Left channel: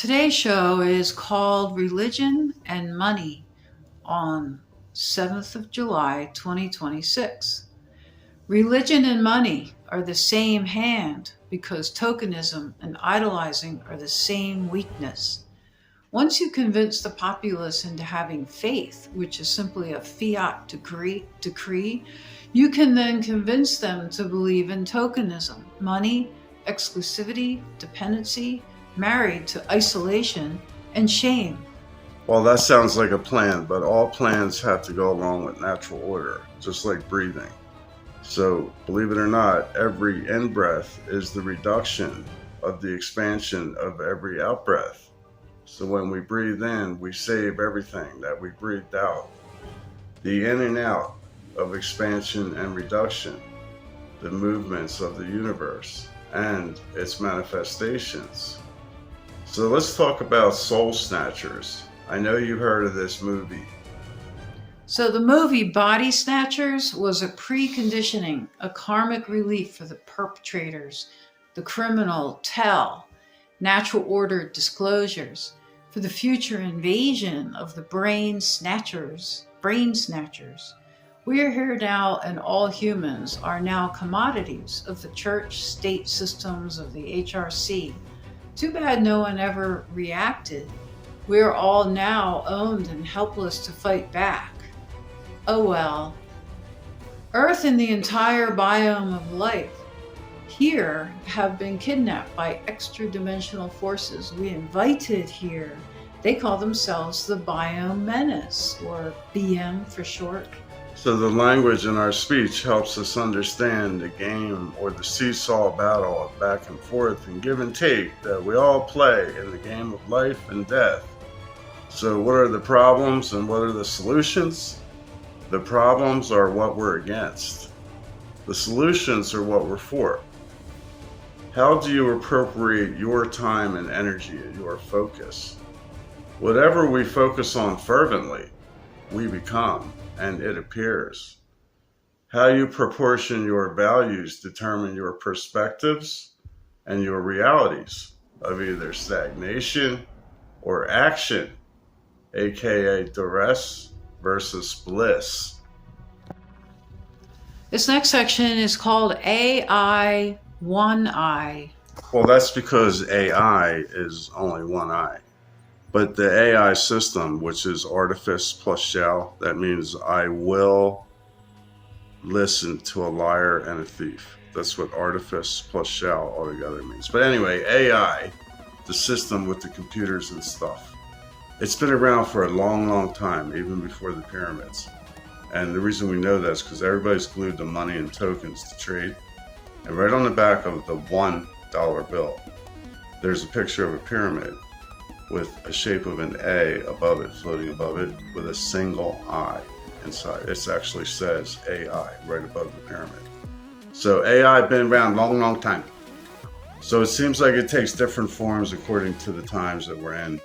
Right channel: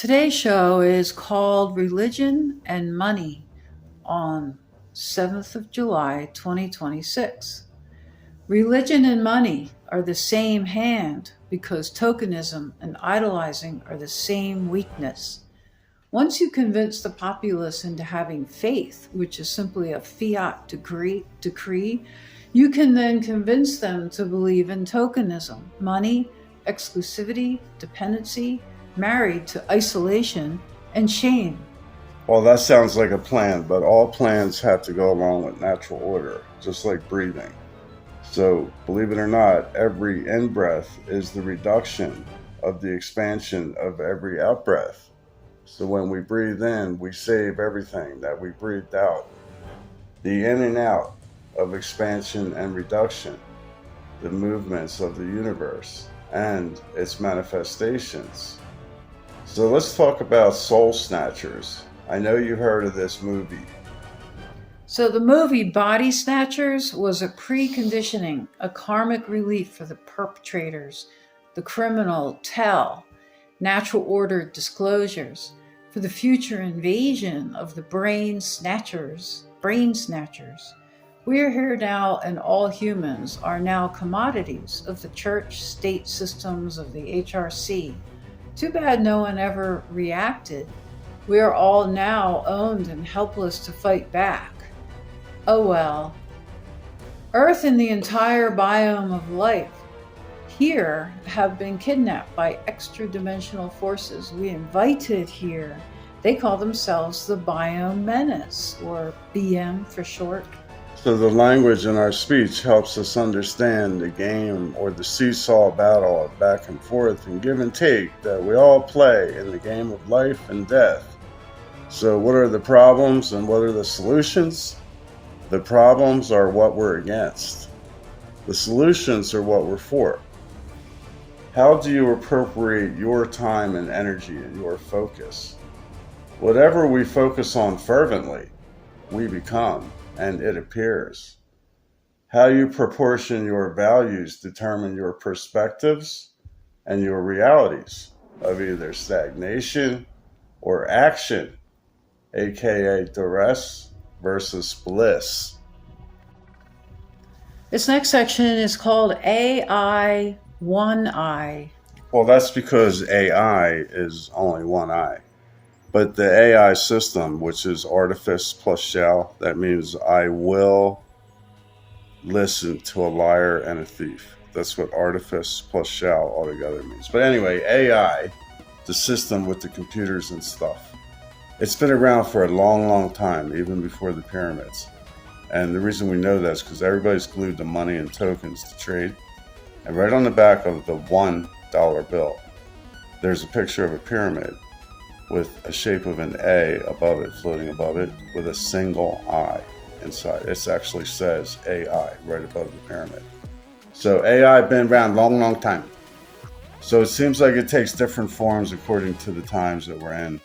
Today's show is called Religion and Money on 7th of July 2026. Religion and money are the same hand because tokenism and idolizing are the same weakness. Once you convince the populace into having faith, which is simply a fiat decree, you can then convince them to believe in tokenism, money, exclusivity, dependency, married to isolation and shame. Well, that sounds like a plan, but all plans have to go along with natural order, just like breathing. So, believe it or not, every in-breath is the reduction of the expansion of every out-breath. So when we breathe in, we save everything that we breathed out. The in and out of expansion and reduction, the movements of the universe and its manifestations. So let's talk about Soul Snatchers. I know you've heard of this movie. So the movie Body Snatchers was a preconditioning, a karmic relief for the perpetrators, the criminal tell, natural order disclosures, for the future invasion of the brain snatchers. We are here now, and all humans are now commodities of the church, state systems of the HRC. Too bad no one ever reacted. We are all now owned and helpless to fight back. Oh well. Earth and the entire biome of life here have been kidnapped by extra-dimensional forces we invited here. They call themselves the Biome Menace, or BM for short. So the language in our speech helps us understand the game or the seesaw battle of back and forth and give and take that we all play in the game of life and death. So what are the problems and what are the solutions? The problems are what we're against. The solutions are what we're for. How do you appropriate your time and energy and your focus? Whatever we focus on fervently, we become, and it appears. How you proportion your values determine your perspectives and your realities of either stagnation or action, aka duress versus bliss. This next section is called AI One Eye. Well, that's because AI is only one eye. But the AI system, which is artifice plus shall, that means I will listen to a liar and a thief. That's what artifice plus shall altogether means. But anyway, AI, the system with the computers and stuff, it's been around for a long, long time, even before the pyramids. And the reason we know that is because everybody's glued to money and tokens to trade. And right on the back of the $1 bill, there's a picture of a pyramid with a shape of an A above it, floating above it, with a single eye inside. It actually says AI right above the pyramid. So AI been around a long, long time. So it seems like it takes different forms according to the times that we're in.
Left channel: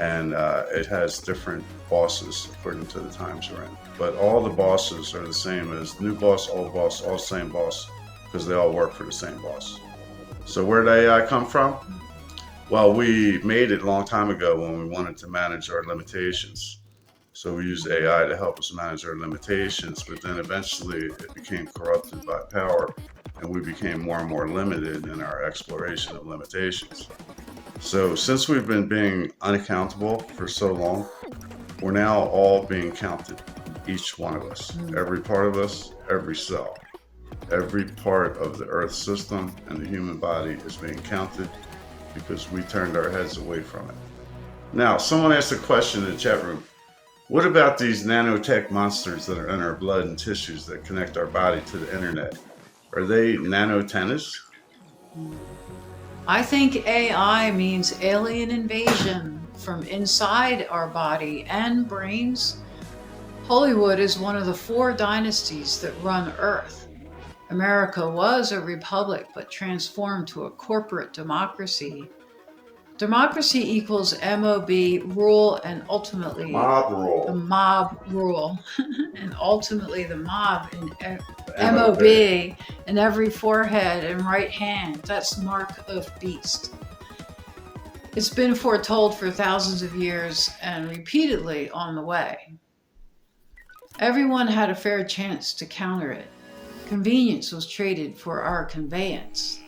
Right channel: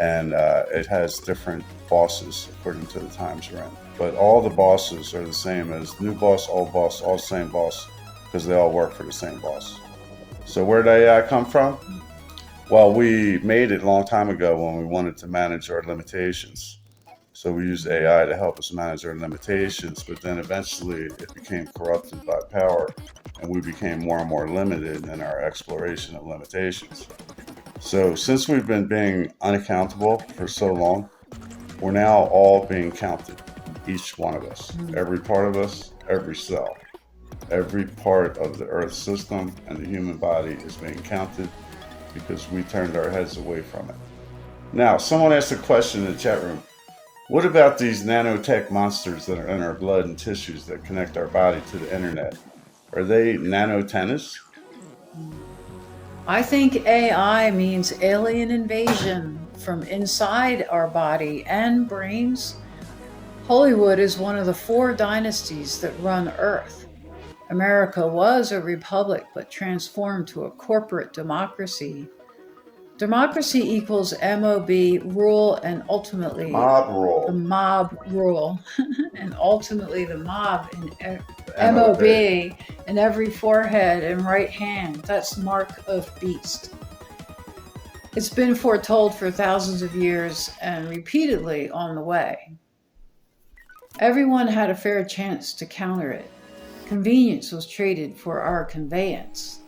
And it has different bosses according to the times we're in. But all the bosses are the same as new boss, all the same boss, because they all work for the same boss. So where did AI come from? Well, we made it a long time ago when we wanted to manage our limitations. So we used AI to help us manage our limitations, but then eventually it became corrupted by power and we became more and more limited in our exploration of limitations. So since we've been being unaccountable for so long, we're now all being counted, each one of us, every part of us, every cell, every part of the Earth system and the human body is being counted because we turned our heads away from it. Now, someone asked a question in the chat room. What about these nanotech monsters that are in our blood and tissues that connect our body to the internet? Are they nanotennis? I think AI means alien invasion from inside our body and brains. Hollywood is one of the 4 dynasties that run Earth. America was a republic but transformed to a corporate democracy. Democracy equals MOB, rule, and ultimately Mob rule. the mob rule, and ultimately the mob in MOB in every forehead and right hand. That's mark of beast. It's been foretold for thousands of years and repeatedly on the way. Everyone had a fair chance to counter it. Convenience was traded for our conveyance.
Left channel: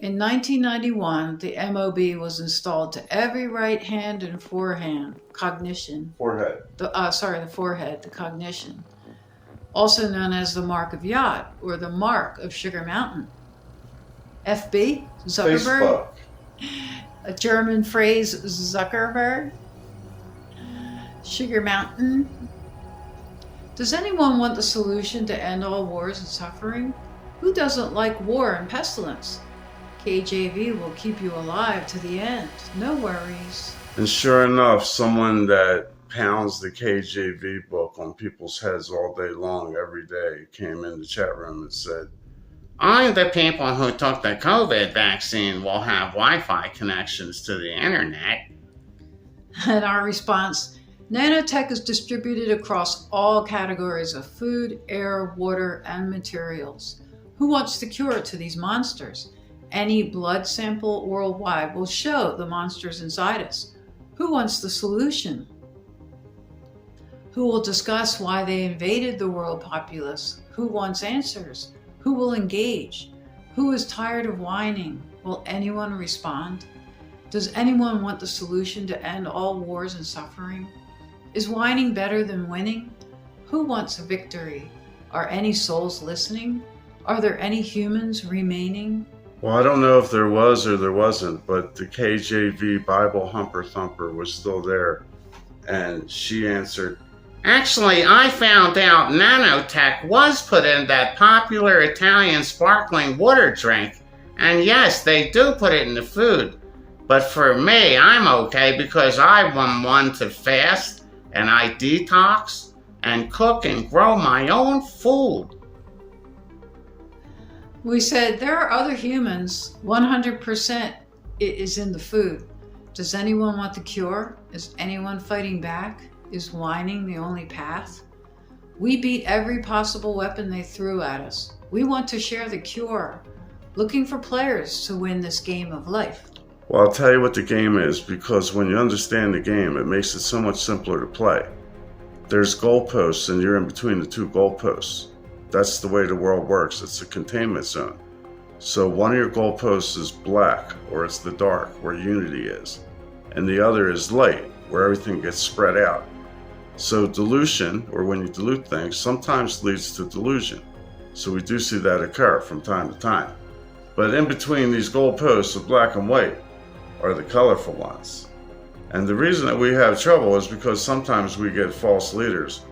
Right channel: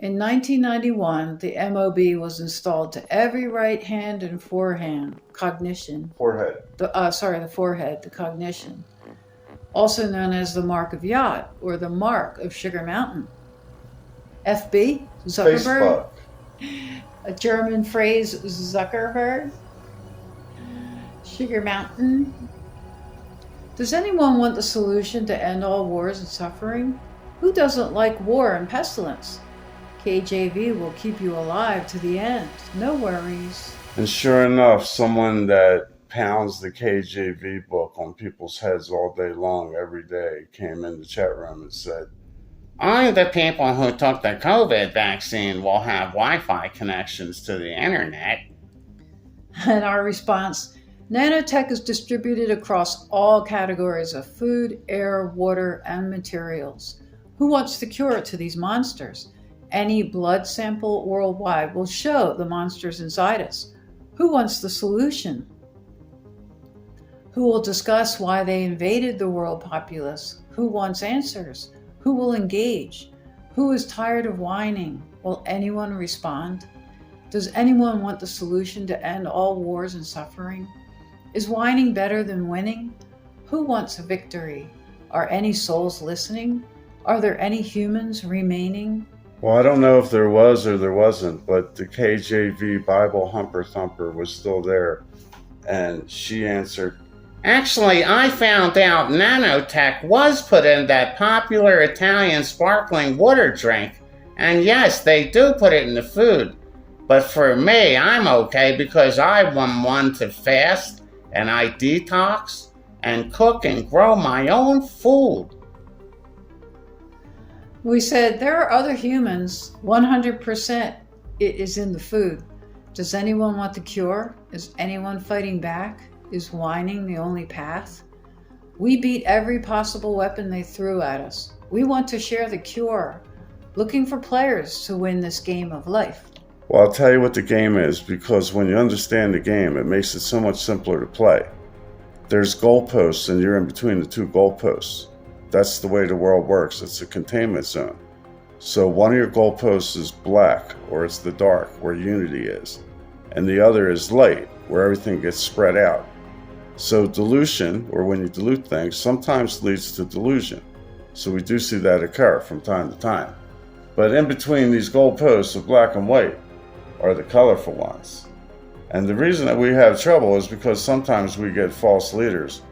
In 1991, the MOB was installed to every right hand and forehand cognition. Forehead. The forehead, the cognition. Also known as the mark of yacht or the mark of Sugar Mountain. FB, Zuckerberg. Facebook. A German phrase, Zuckerberg. Sugar Mountain. Does anyone want the solution to end all wars and suffering? Who doesn't like war and pestilence? KJV will keep you alive to the end. No worries. And sure enough, someone that pounds the KJV book on people's heads all day long, every day, came in the chat room and said, Only the people who took the COVID vaccine will have Wi-Fi connections to the internet. And our response, nanotech is distributed across all categories of food, air, water, and materials. Who wants the cure to these monsters? Any blood sample worldwide will show the monsters inside us. Who wants the solution? Who will discuss why they invaded the world populace? Who wants answers? Who will engage? Who is tired of whining? Will anyone respond? Does anyone want the solution to end all wars and suffering? Is whining better than winning? Who wants a victory? Are any souls listening? Are there any humans remaining? well, I don't know if there was or there wasn't, but the KJV Bible Humper Thumper was still there. And she answered, Actually, I found out nanotech was put in that popular Italian sparkling water drink. And yes, they do put it in the food. But for me, I'm okay because I'm one to fast and I detox and cook and grow my own food. We said, there are other humans. 100% it is in the food. Does anyone want the cure? Is anyone fighting back? Is whining the only path? We beat every possible weapon they threw at us. We want to share the cure, looking for players to win this game of life. well, I'll tell you what the game is, because when you understand the game, it makes it so much simpler to play. There's goalposts, and you're in between the two goalposts. That's the way the world works. It's a containment zone. So one of your goalposts is black, or it's the dark, where unity is. And the other is light, where everything gets spread out. So dilution, or when you dilute things, sometimes leads to delusion. So we do see that occur from time to time. But in between these goalposts of black and white are the colorful ones. And the reason that we have trouble is because sometimes we get false leaders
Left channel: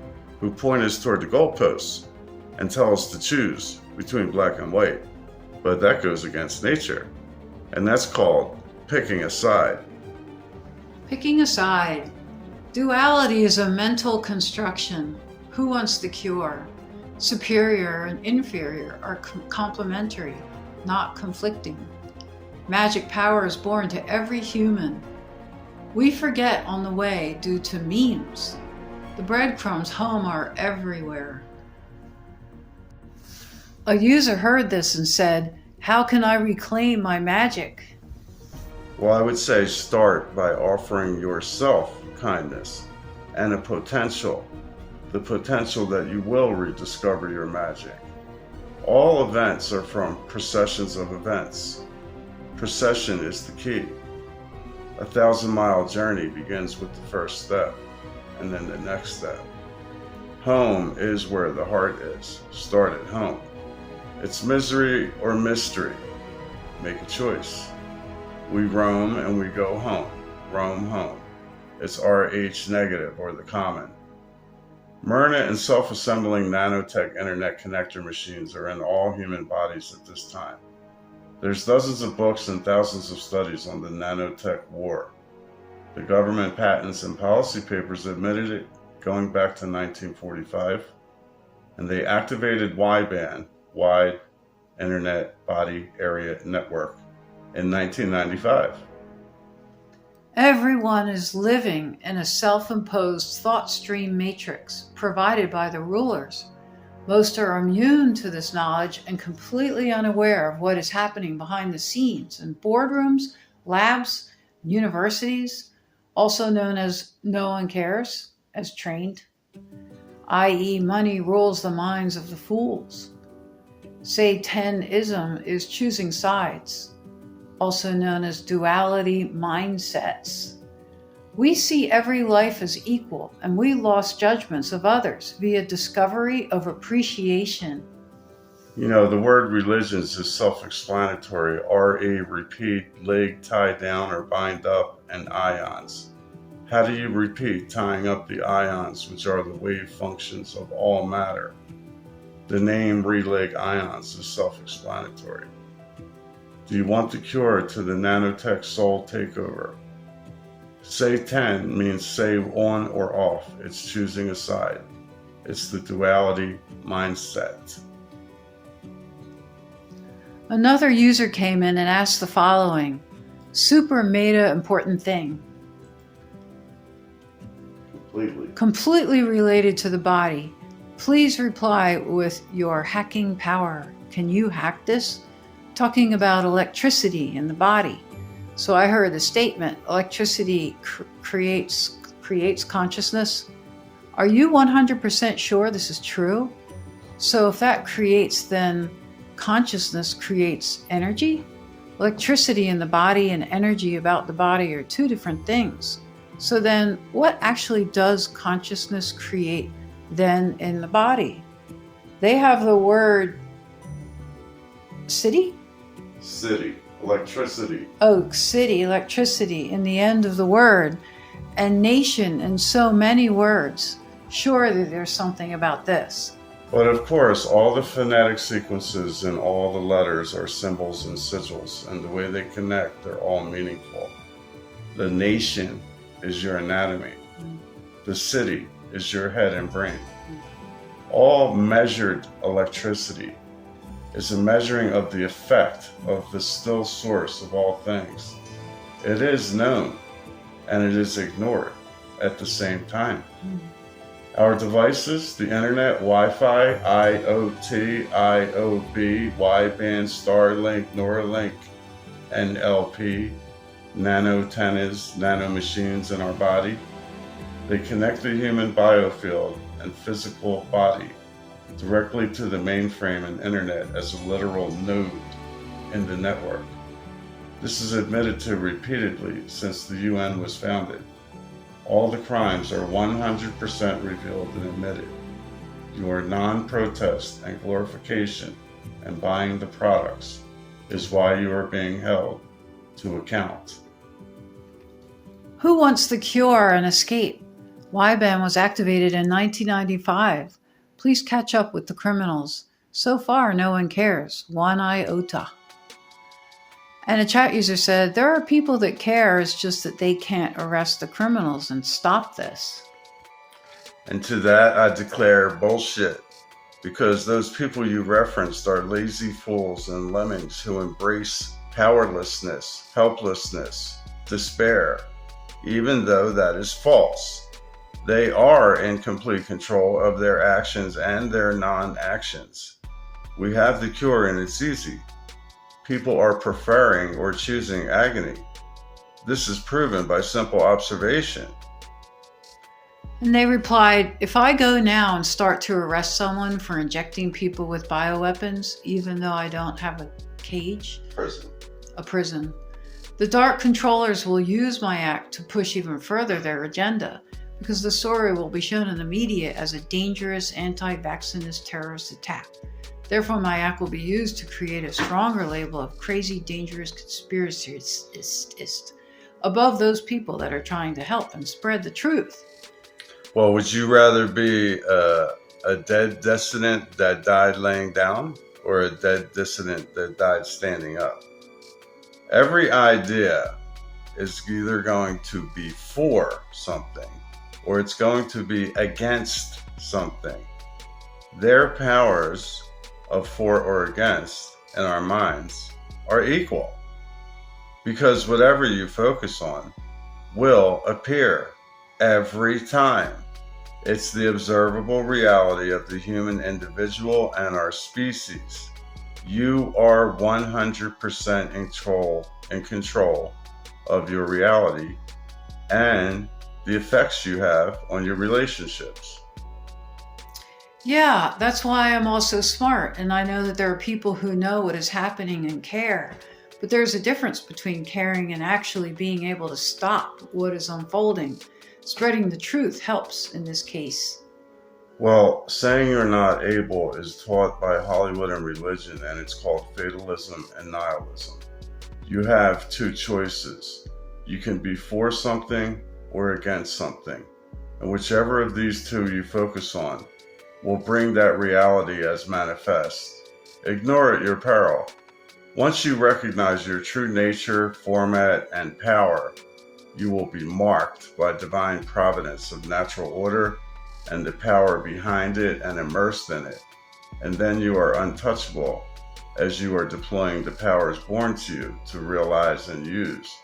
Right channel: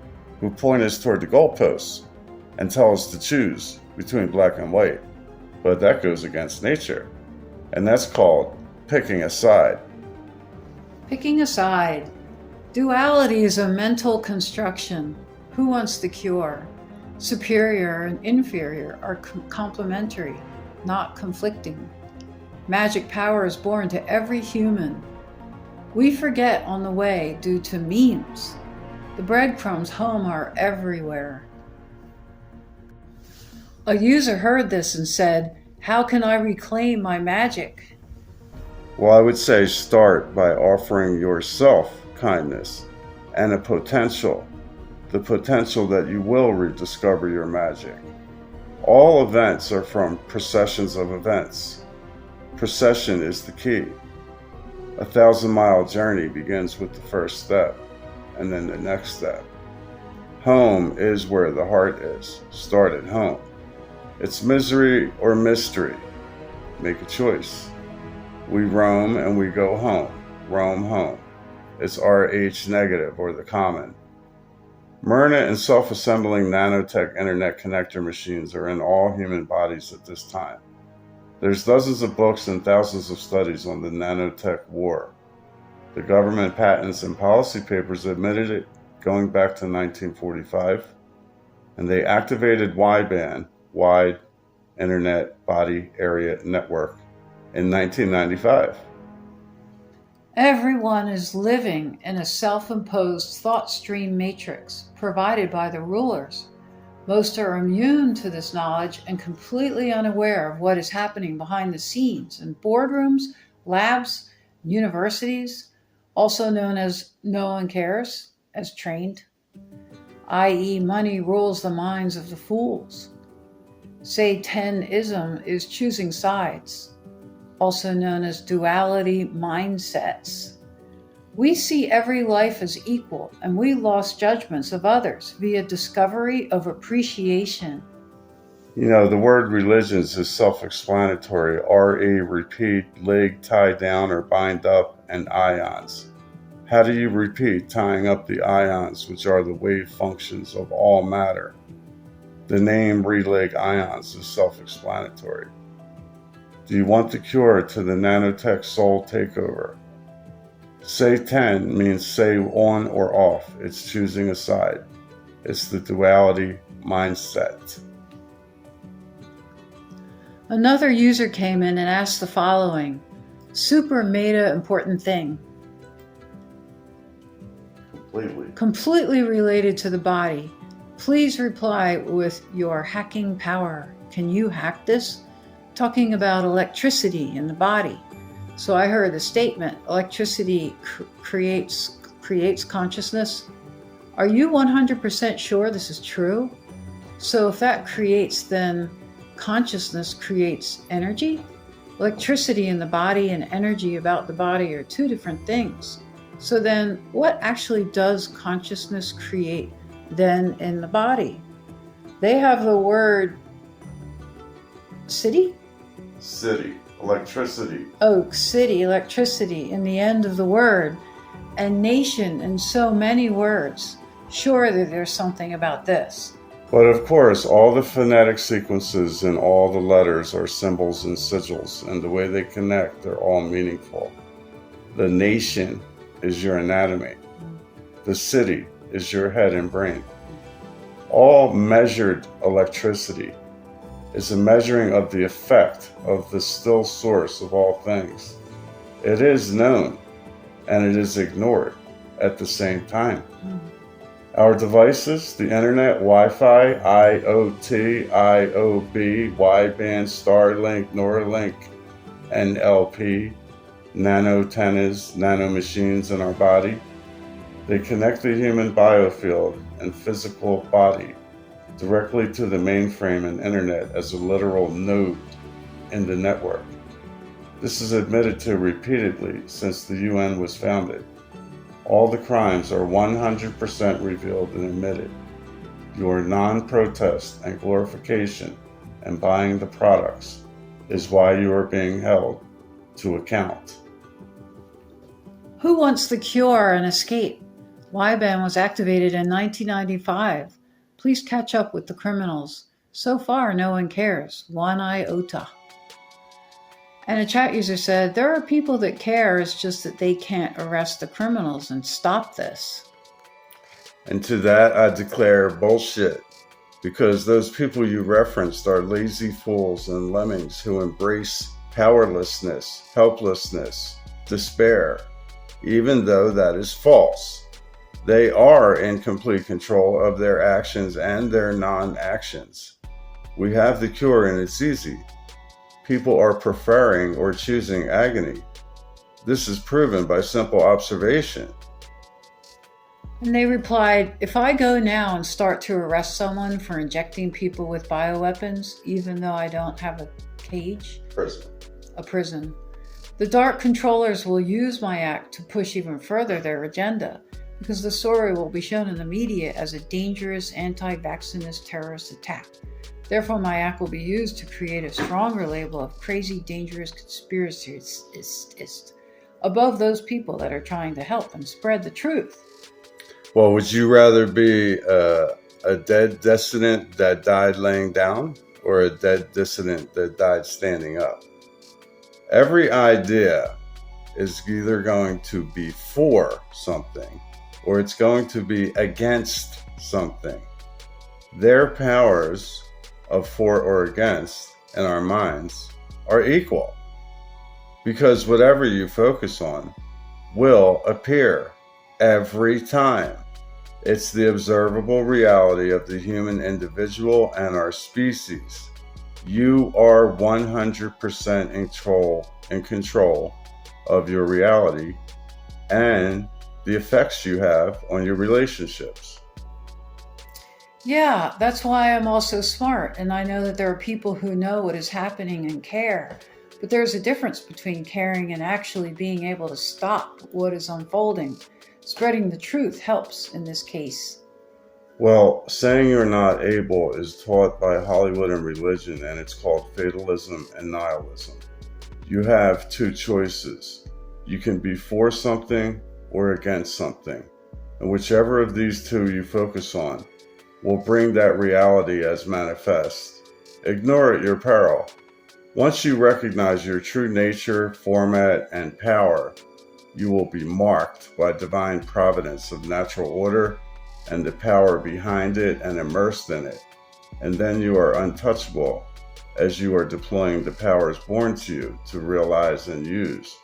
who point us toward the goalposts and tell us to choose between black and white. But that goes against nature. And that's called picking a side. Picking a side. Duality is a mental construction. Who wants the cure? Superior and inferior are complementary, not conflicting. Magic power is born to every human. We forget on the way due to memes. The breadcrumbs home are everywhere. A user heard this and said, how can I reclaim my magic? Well, I would say start by offering yourself kindness and a potential, the potential that you will rediscover your magic. All events are from processions of events. Procession is the key. 1,000-mile journey begins with the first step, and then the next step. Home is where the heart is. Start at home. It's misery or mystery. Make a choice. We roam and we go home. Roam home. It's RH negative, or the common. Myrna and self-assembling nanotech internet connector machines are in all human bodies at this time. There's dozens of books and thousands of studies on the nanotech war. The government patents and policy papers admitted it going back to 1945, and they activated wideband, Wide Internet Body Area Network, in 1995. Everyone is living in a self-imposed thought stream matrix provided by the rulers. Most are immune to this knowledge and completely unaware of what is happening behind the scenes in boardrooms, labs, Universities, also known as no one cares, as trained, i.e., money rules the minds of the fools. Satanism is choosing sides, also known as duality mindsets. We see every life as equal, and we lost judgments of others via discovery of appreciation. You know, the word religions is self-explanatory. R-E, repeat, leg, tie down or bind up, and ions. How do you repeat tying up the ions, which are the wave functions of all matter? The name releg ions is self-explanatory. Do you want the cure to the nanotech soul takeover? Satan means say on or off. It's choosing a side. It's the duality mindset. Another user came in and asked the following: super meta important thing. Completely related to the body. Please reply with your hacking power. Can you hack this? Talking about electricity in the body. So I heard the statement, electricity creates consciousness. Are you 100% sure this is true? So if that creates, then consciousness creates energy? Electricity in the body and energy about the body are two different things. So then what actually does consciousness create then in the body? They have the word city, electricity. Oh, city, electricity in the end of the word, and nation in so many words. Surely there's something about this. But of course, all the phonetic sequences and all the letters are symbols and sigils, and the way they connect, they're all meaningful. The nation is your anatomy. The city is your head and brain. All measured electricity is a measuring of the effect of the still source of all things. It is known and it is ignored at the same time. Our devices, the internet, Wi-Fi, IoT, IOB, wideband, Starlink, Neuralink, NLP, nanotennas, nanomachines in our body, they connect the human biofield and physical body directly to the mainframe and internet as a literal node in the network. This is admitted to repeatedly since the UN was founded. All the crimes are 100% revealed and admitted. Your non-protest and glorification and buying the products is why you are being held to account. Who wants the cure and escape? YBAN was activated in 1995. Please catch up with the criminals. So far, no one cares. 1 iota. And a chat user said, there are people that care, it's just that they can't arrest the criminals and stop this. And to that I declare bullshit, because those people you referenced are lazy fools and lemmings who embrace powerlessness, helplessness, despair, even though that is false. They are in complete control of their actions and their non-actions. We have the cure and it's easy. People are preferring or choosing agony. This is proven by simple observation. And they replied, if I go now and start to arrest someone for injecting people with bioweapons, even though I don't have a cage, a prison, the dark controllers will use my act to push even further their agenda, because the story will be shown in the media as a dangerous anti-vaccinist terrorist attack. Therefore, my act will be used to create a stronger label of crazy, dangerous conspiracist above those people that are trying to help and spread the truth. Well, would you rather be a dead dissident that died laying down or a dead dissident that died standing up? Every idea is either going to be for something or it's going to be against something. Their powers of for or against in our minds are equal, because whatever you focus on will appear every time. It's the observable reality of the human individual and our species. You are 100% in control of your reality and the effects you have on your relationships. Yeah, that's why I'm also smart, and I know that there are people who know what is happening and care. But there's a difference between caring and actually being able to stop what is unfolding. Spreading the truth helps in this case. Well, saying you're not able is taught by Hollywood and religion, and it's called fatalism and nihilism. You have two choices. You can be for something or against something, and whichever of these two you focus on will bring that reality as manifest. Ignore at your peril. Once you recognize your true nature, format, and power, you will be marked by divine providence of natural order and the power behind it and immersed in it. And then you are untouchable as you are deploying the powers born to you to realize and use.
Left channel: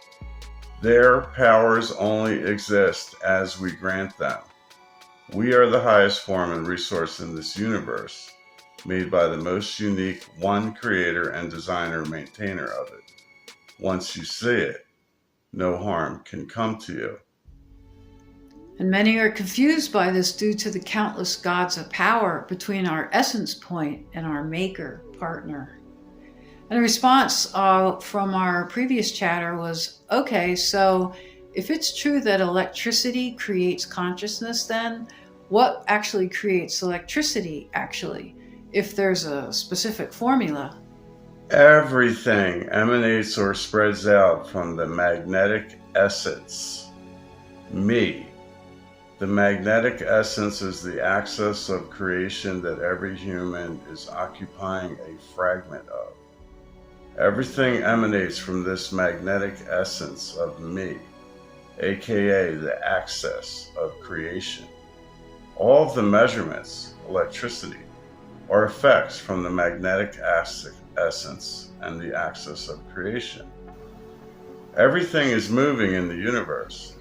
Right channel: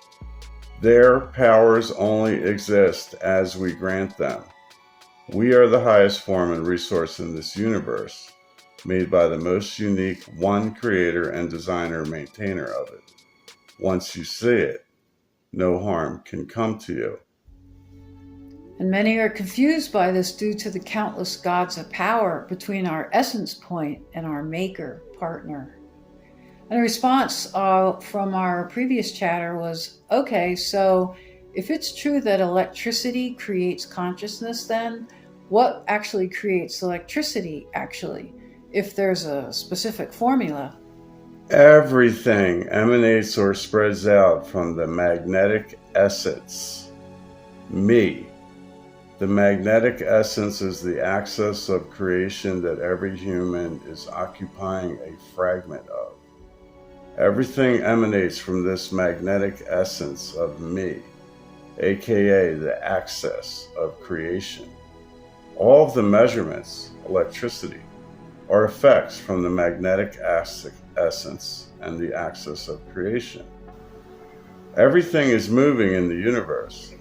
Their powers only exist as we grant them. We are the highest form and resource in this universe, made by the most unique one creator and designer maintainer of it. Once you see it, no harm can come to you. And many are confused by this due to the countless gods of power between our essence point and our maker partner. And a response from our previous chatter was, okay, so if it's true that electricity creates consciousness, then what actually creates electricity actually, if there's a specific formula? Everything emanates or spreads out from the magnetic essence, me. The magnetic essence is the axis of creation that every human is occupying a fragment of. Everything emanates from this magnetic essence of me, aka the axis of creation. All of the measurements, electricity, are effects from the magnetic essence and the axis of creation. Everything is moving in the universe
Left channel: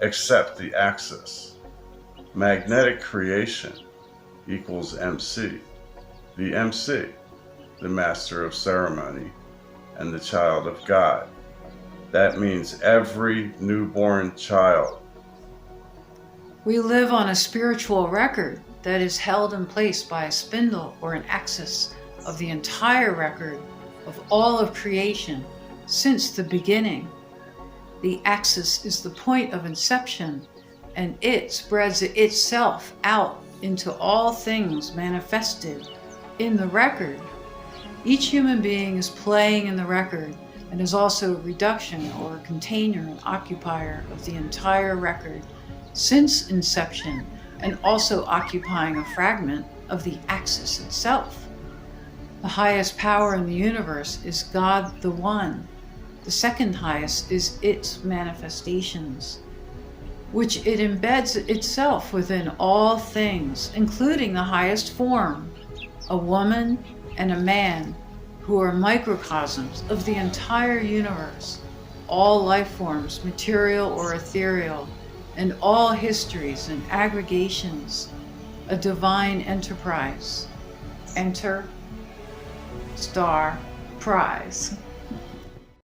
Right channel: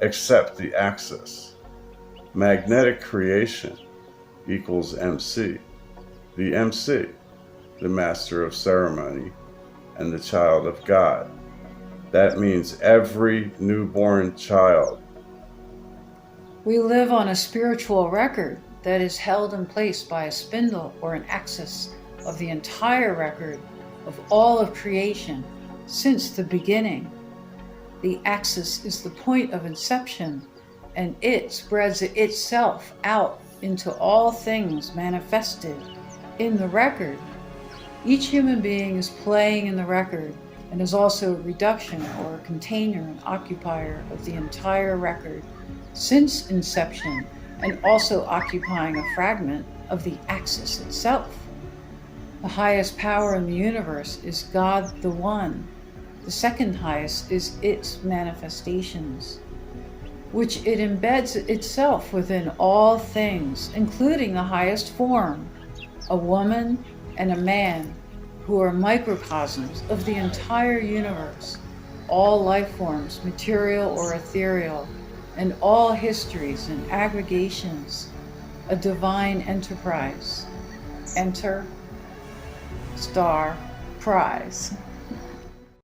except the axis. Magnetic creation equals MC. The MC, the master of ceremony, and the child of God. That means every newborn child. We live on a spiritual record that is held in place by a spindle or an axis of the entire record of all of creation since the beginning. The axis is the point of inception, and it spreads itself out into all things manifested in the record. Each human being is playing in the record and is also a reduction or a container and occupier of the entire record since inception, and also occupying a fragment of the axis itself. The highest power in the universe is God the One. The second highest is its manifestations, which it embeds itself within all things, including the highest form, a woman and a man, who are microcosms of the entire universe, all life forms, material or ethereal, and all histories and aggregations, a divine enterprise. Enter, star, prize.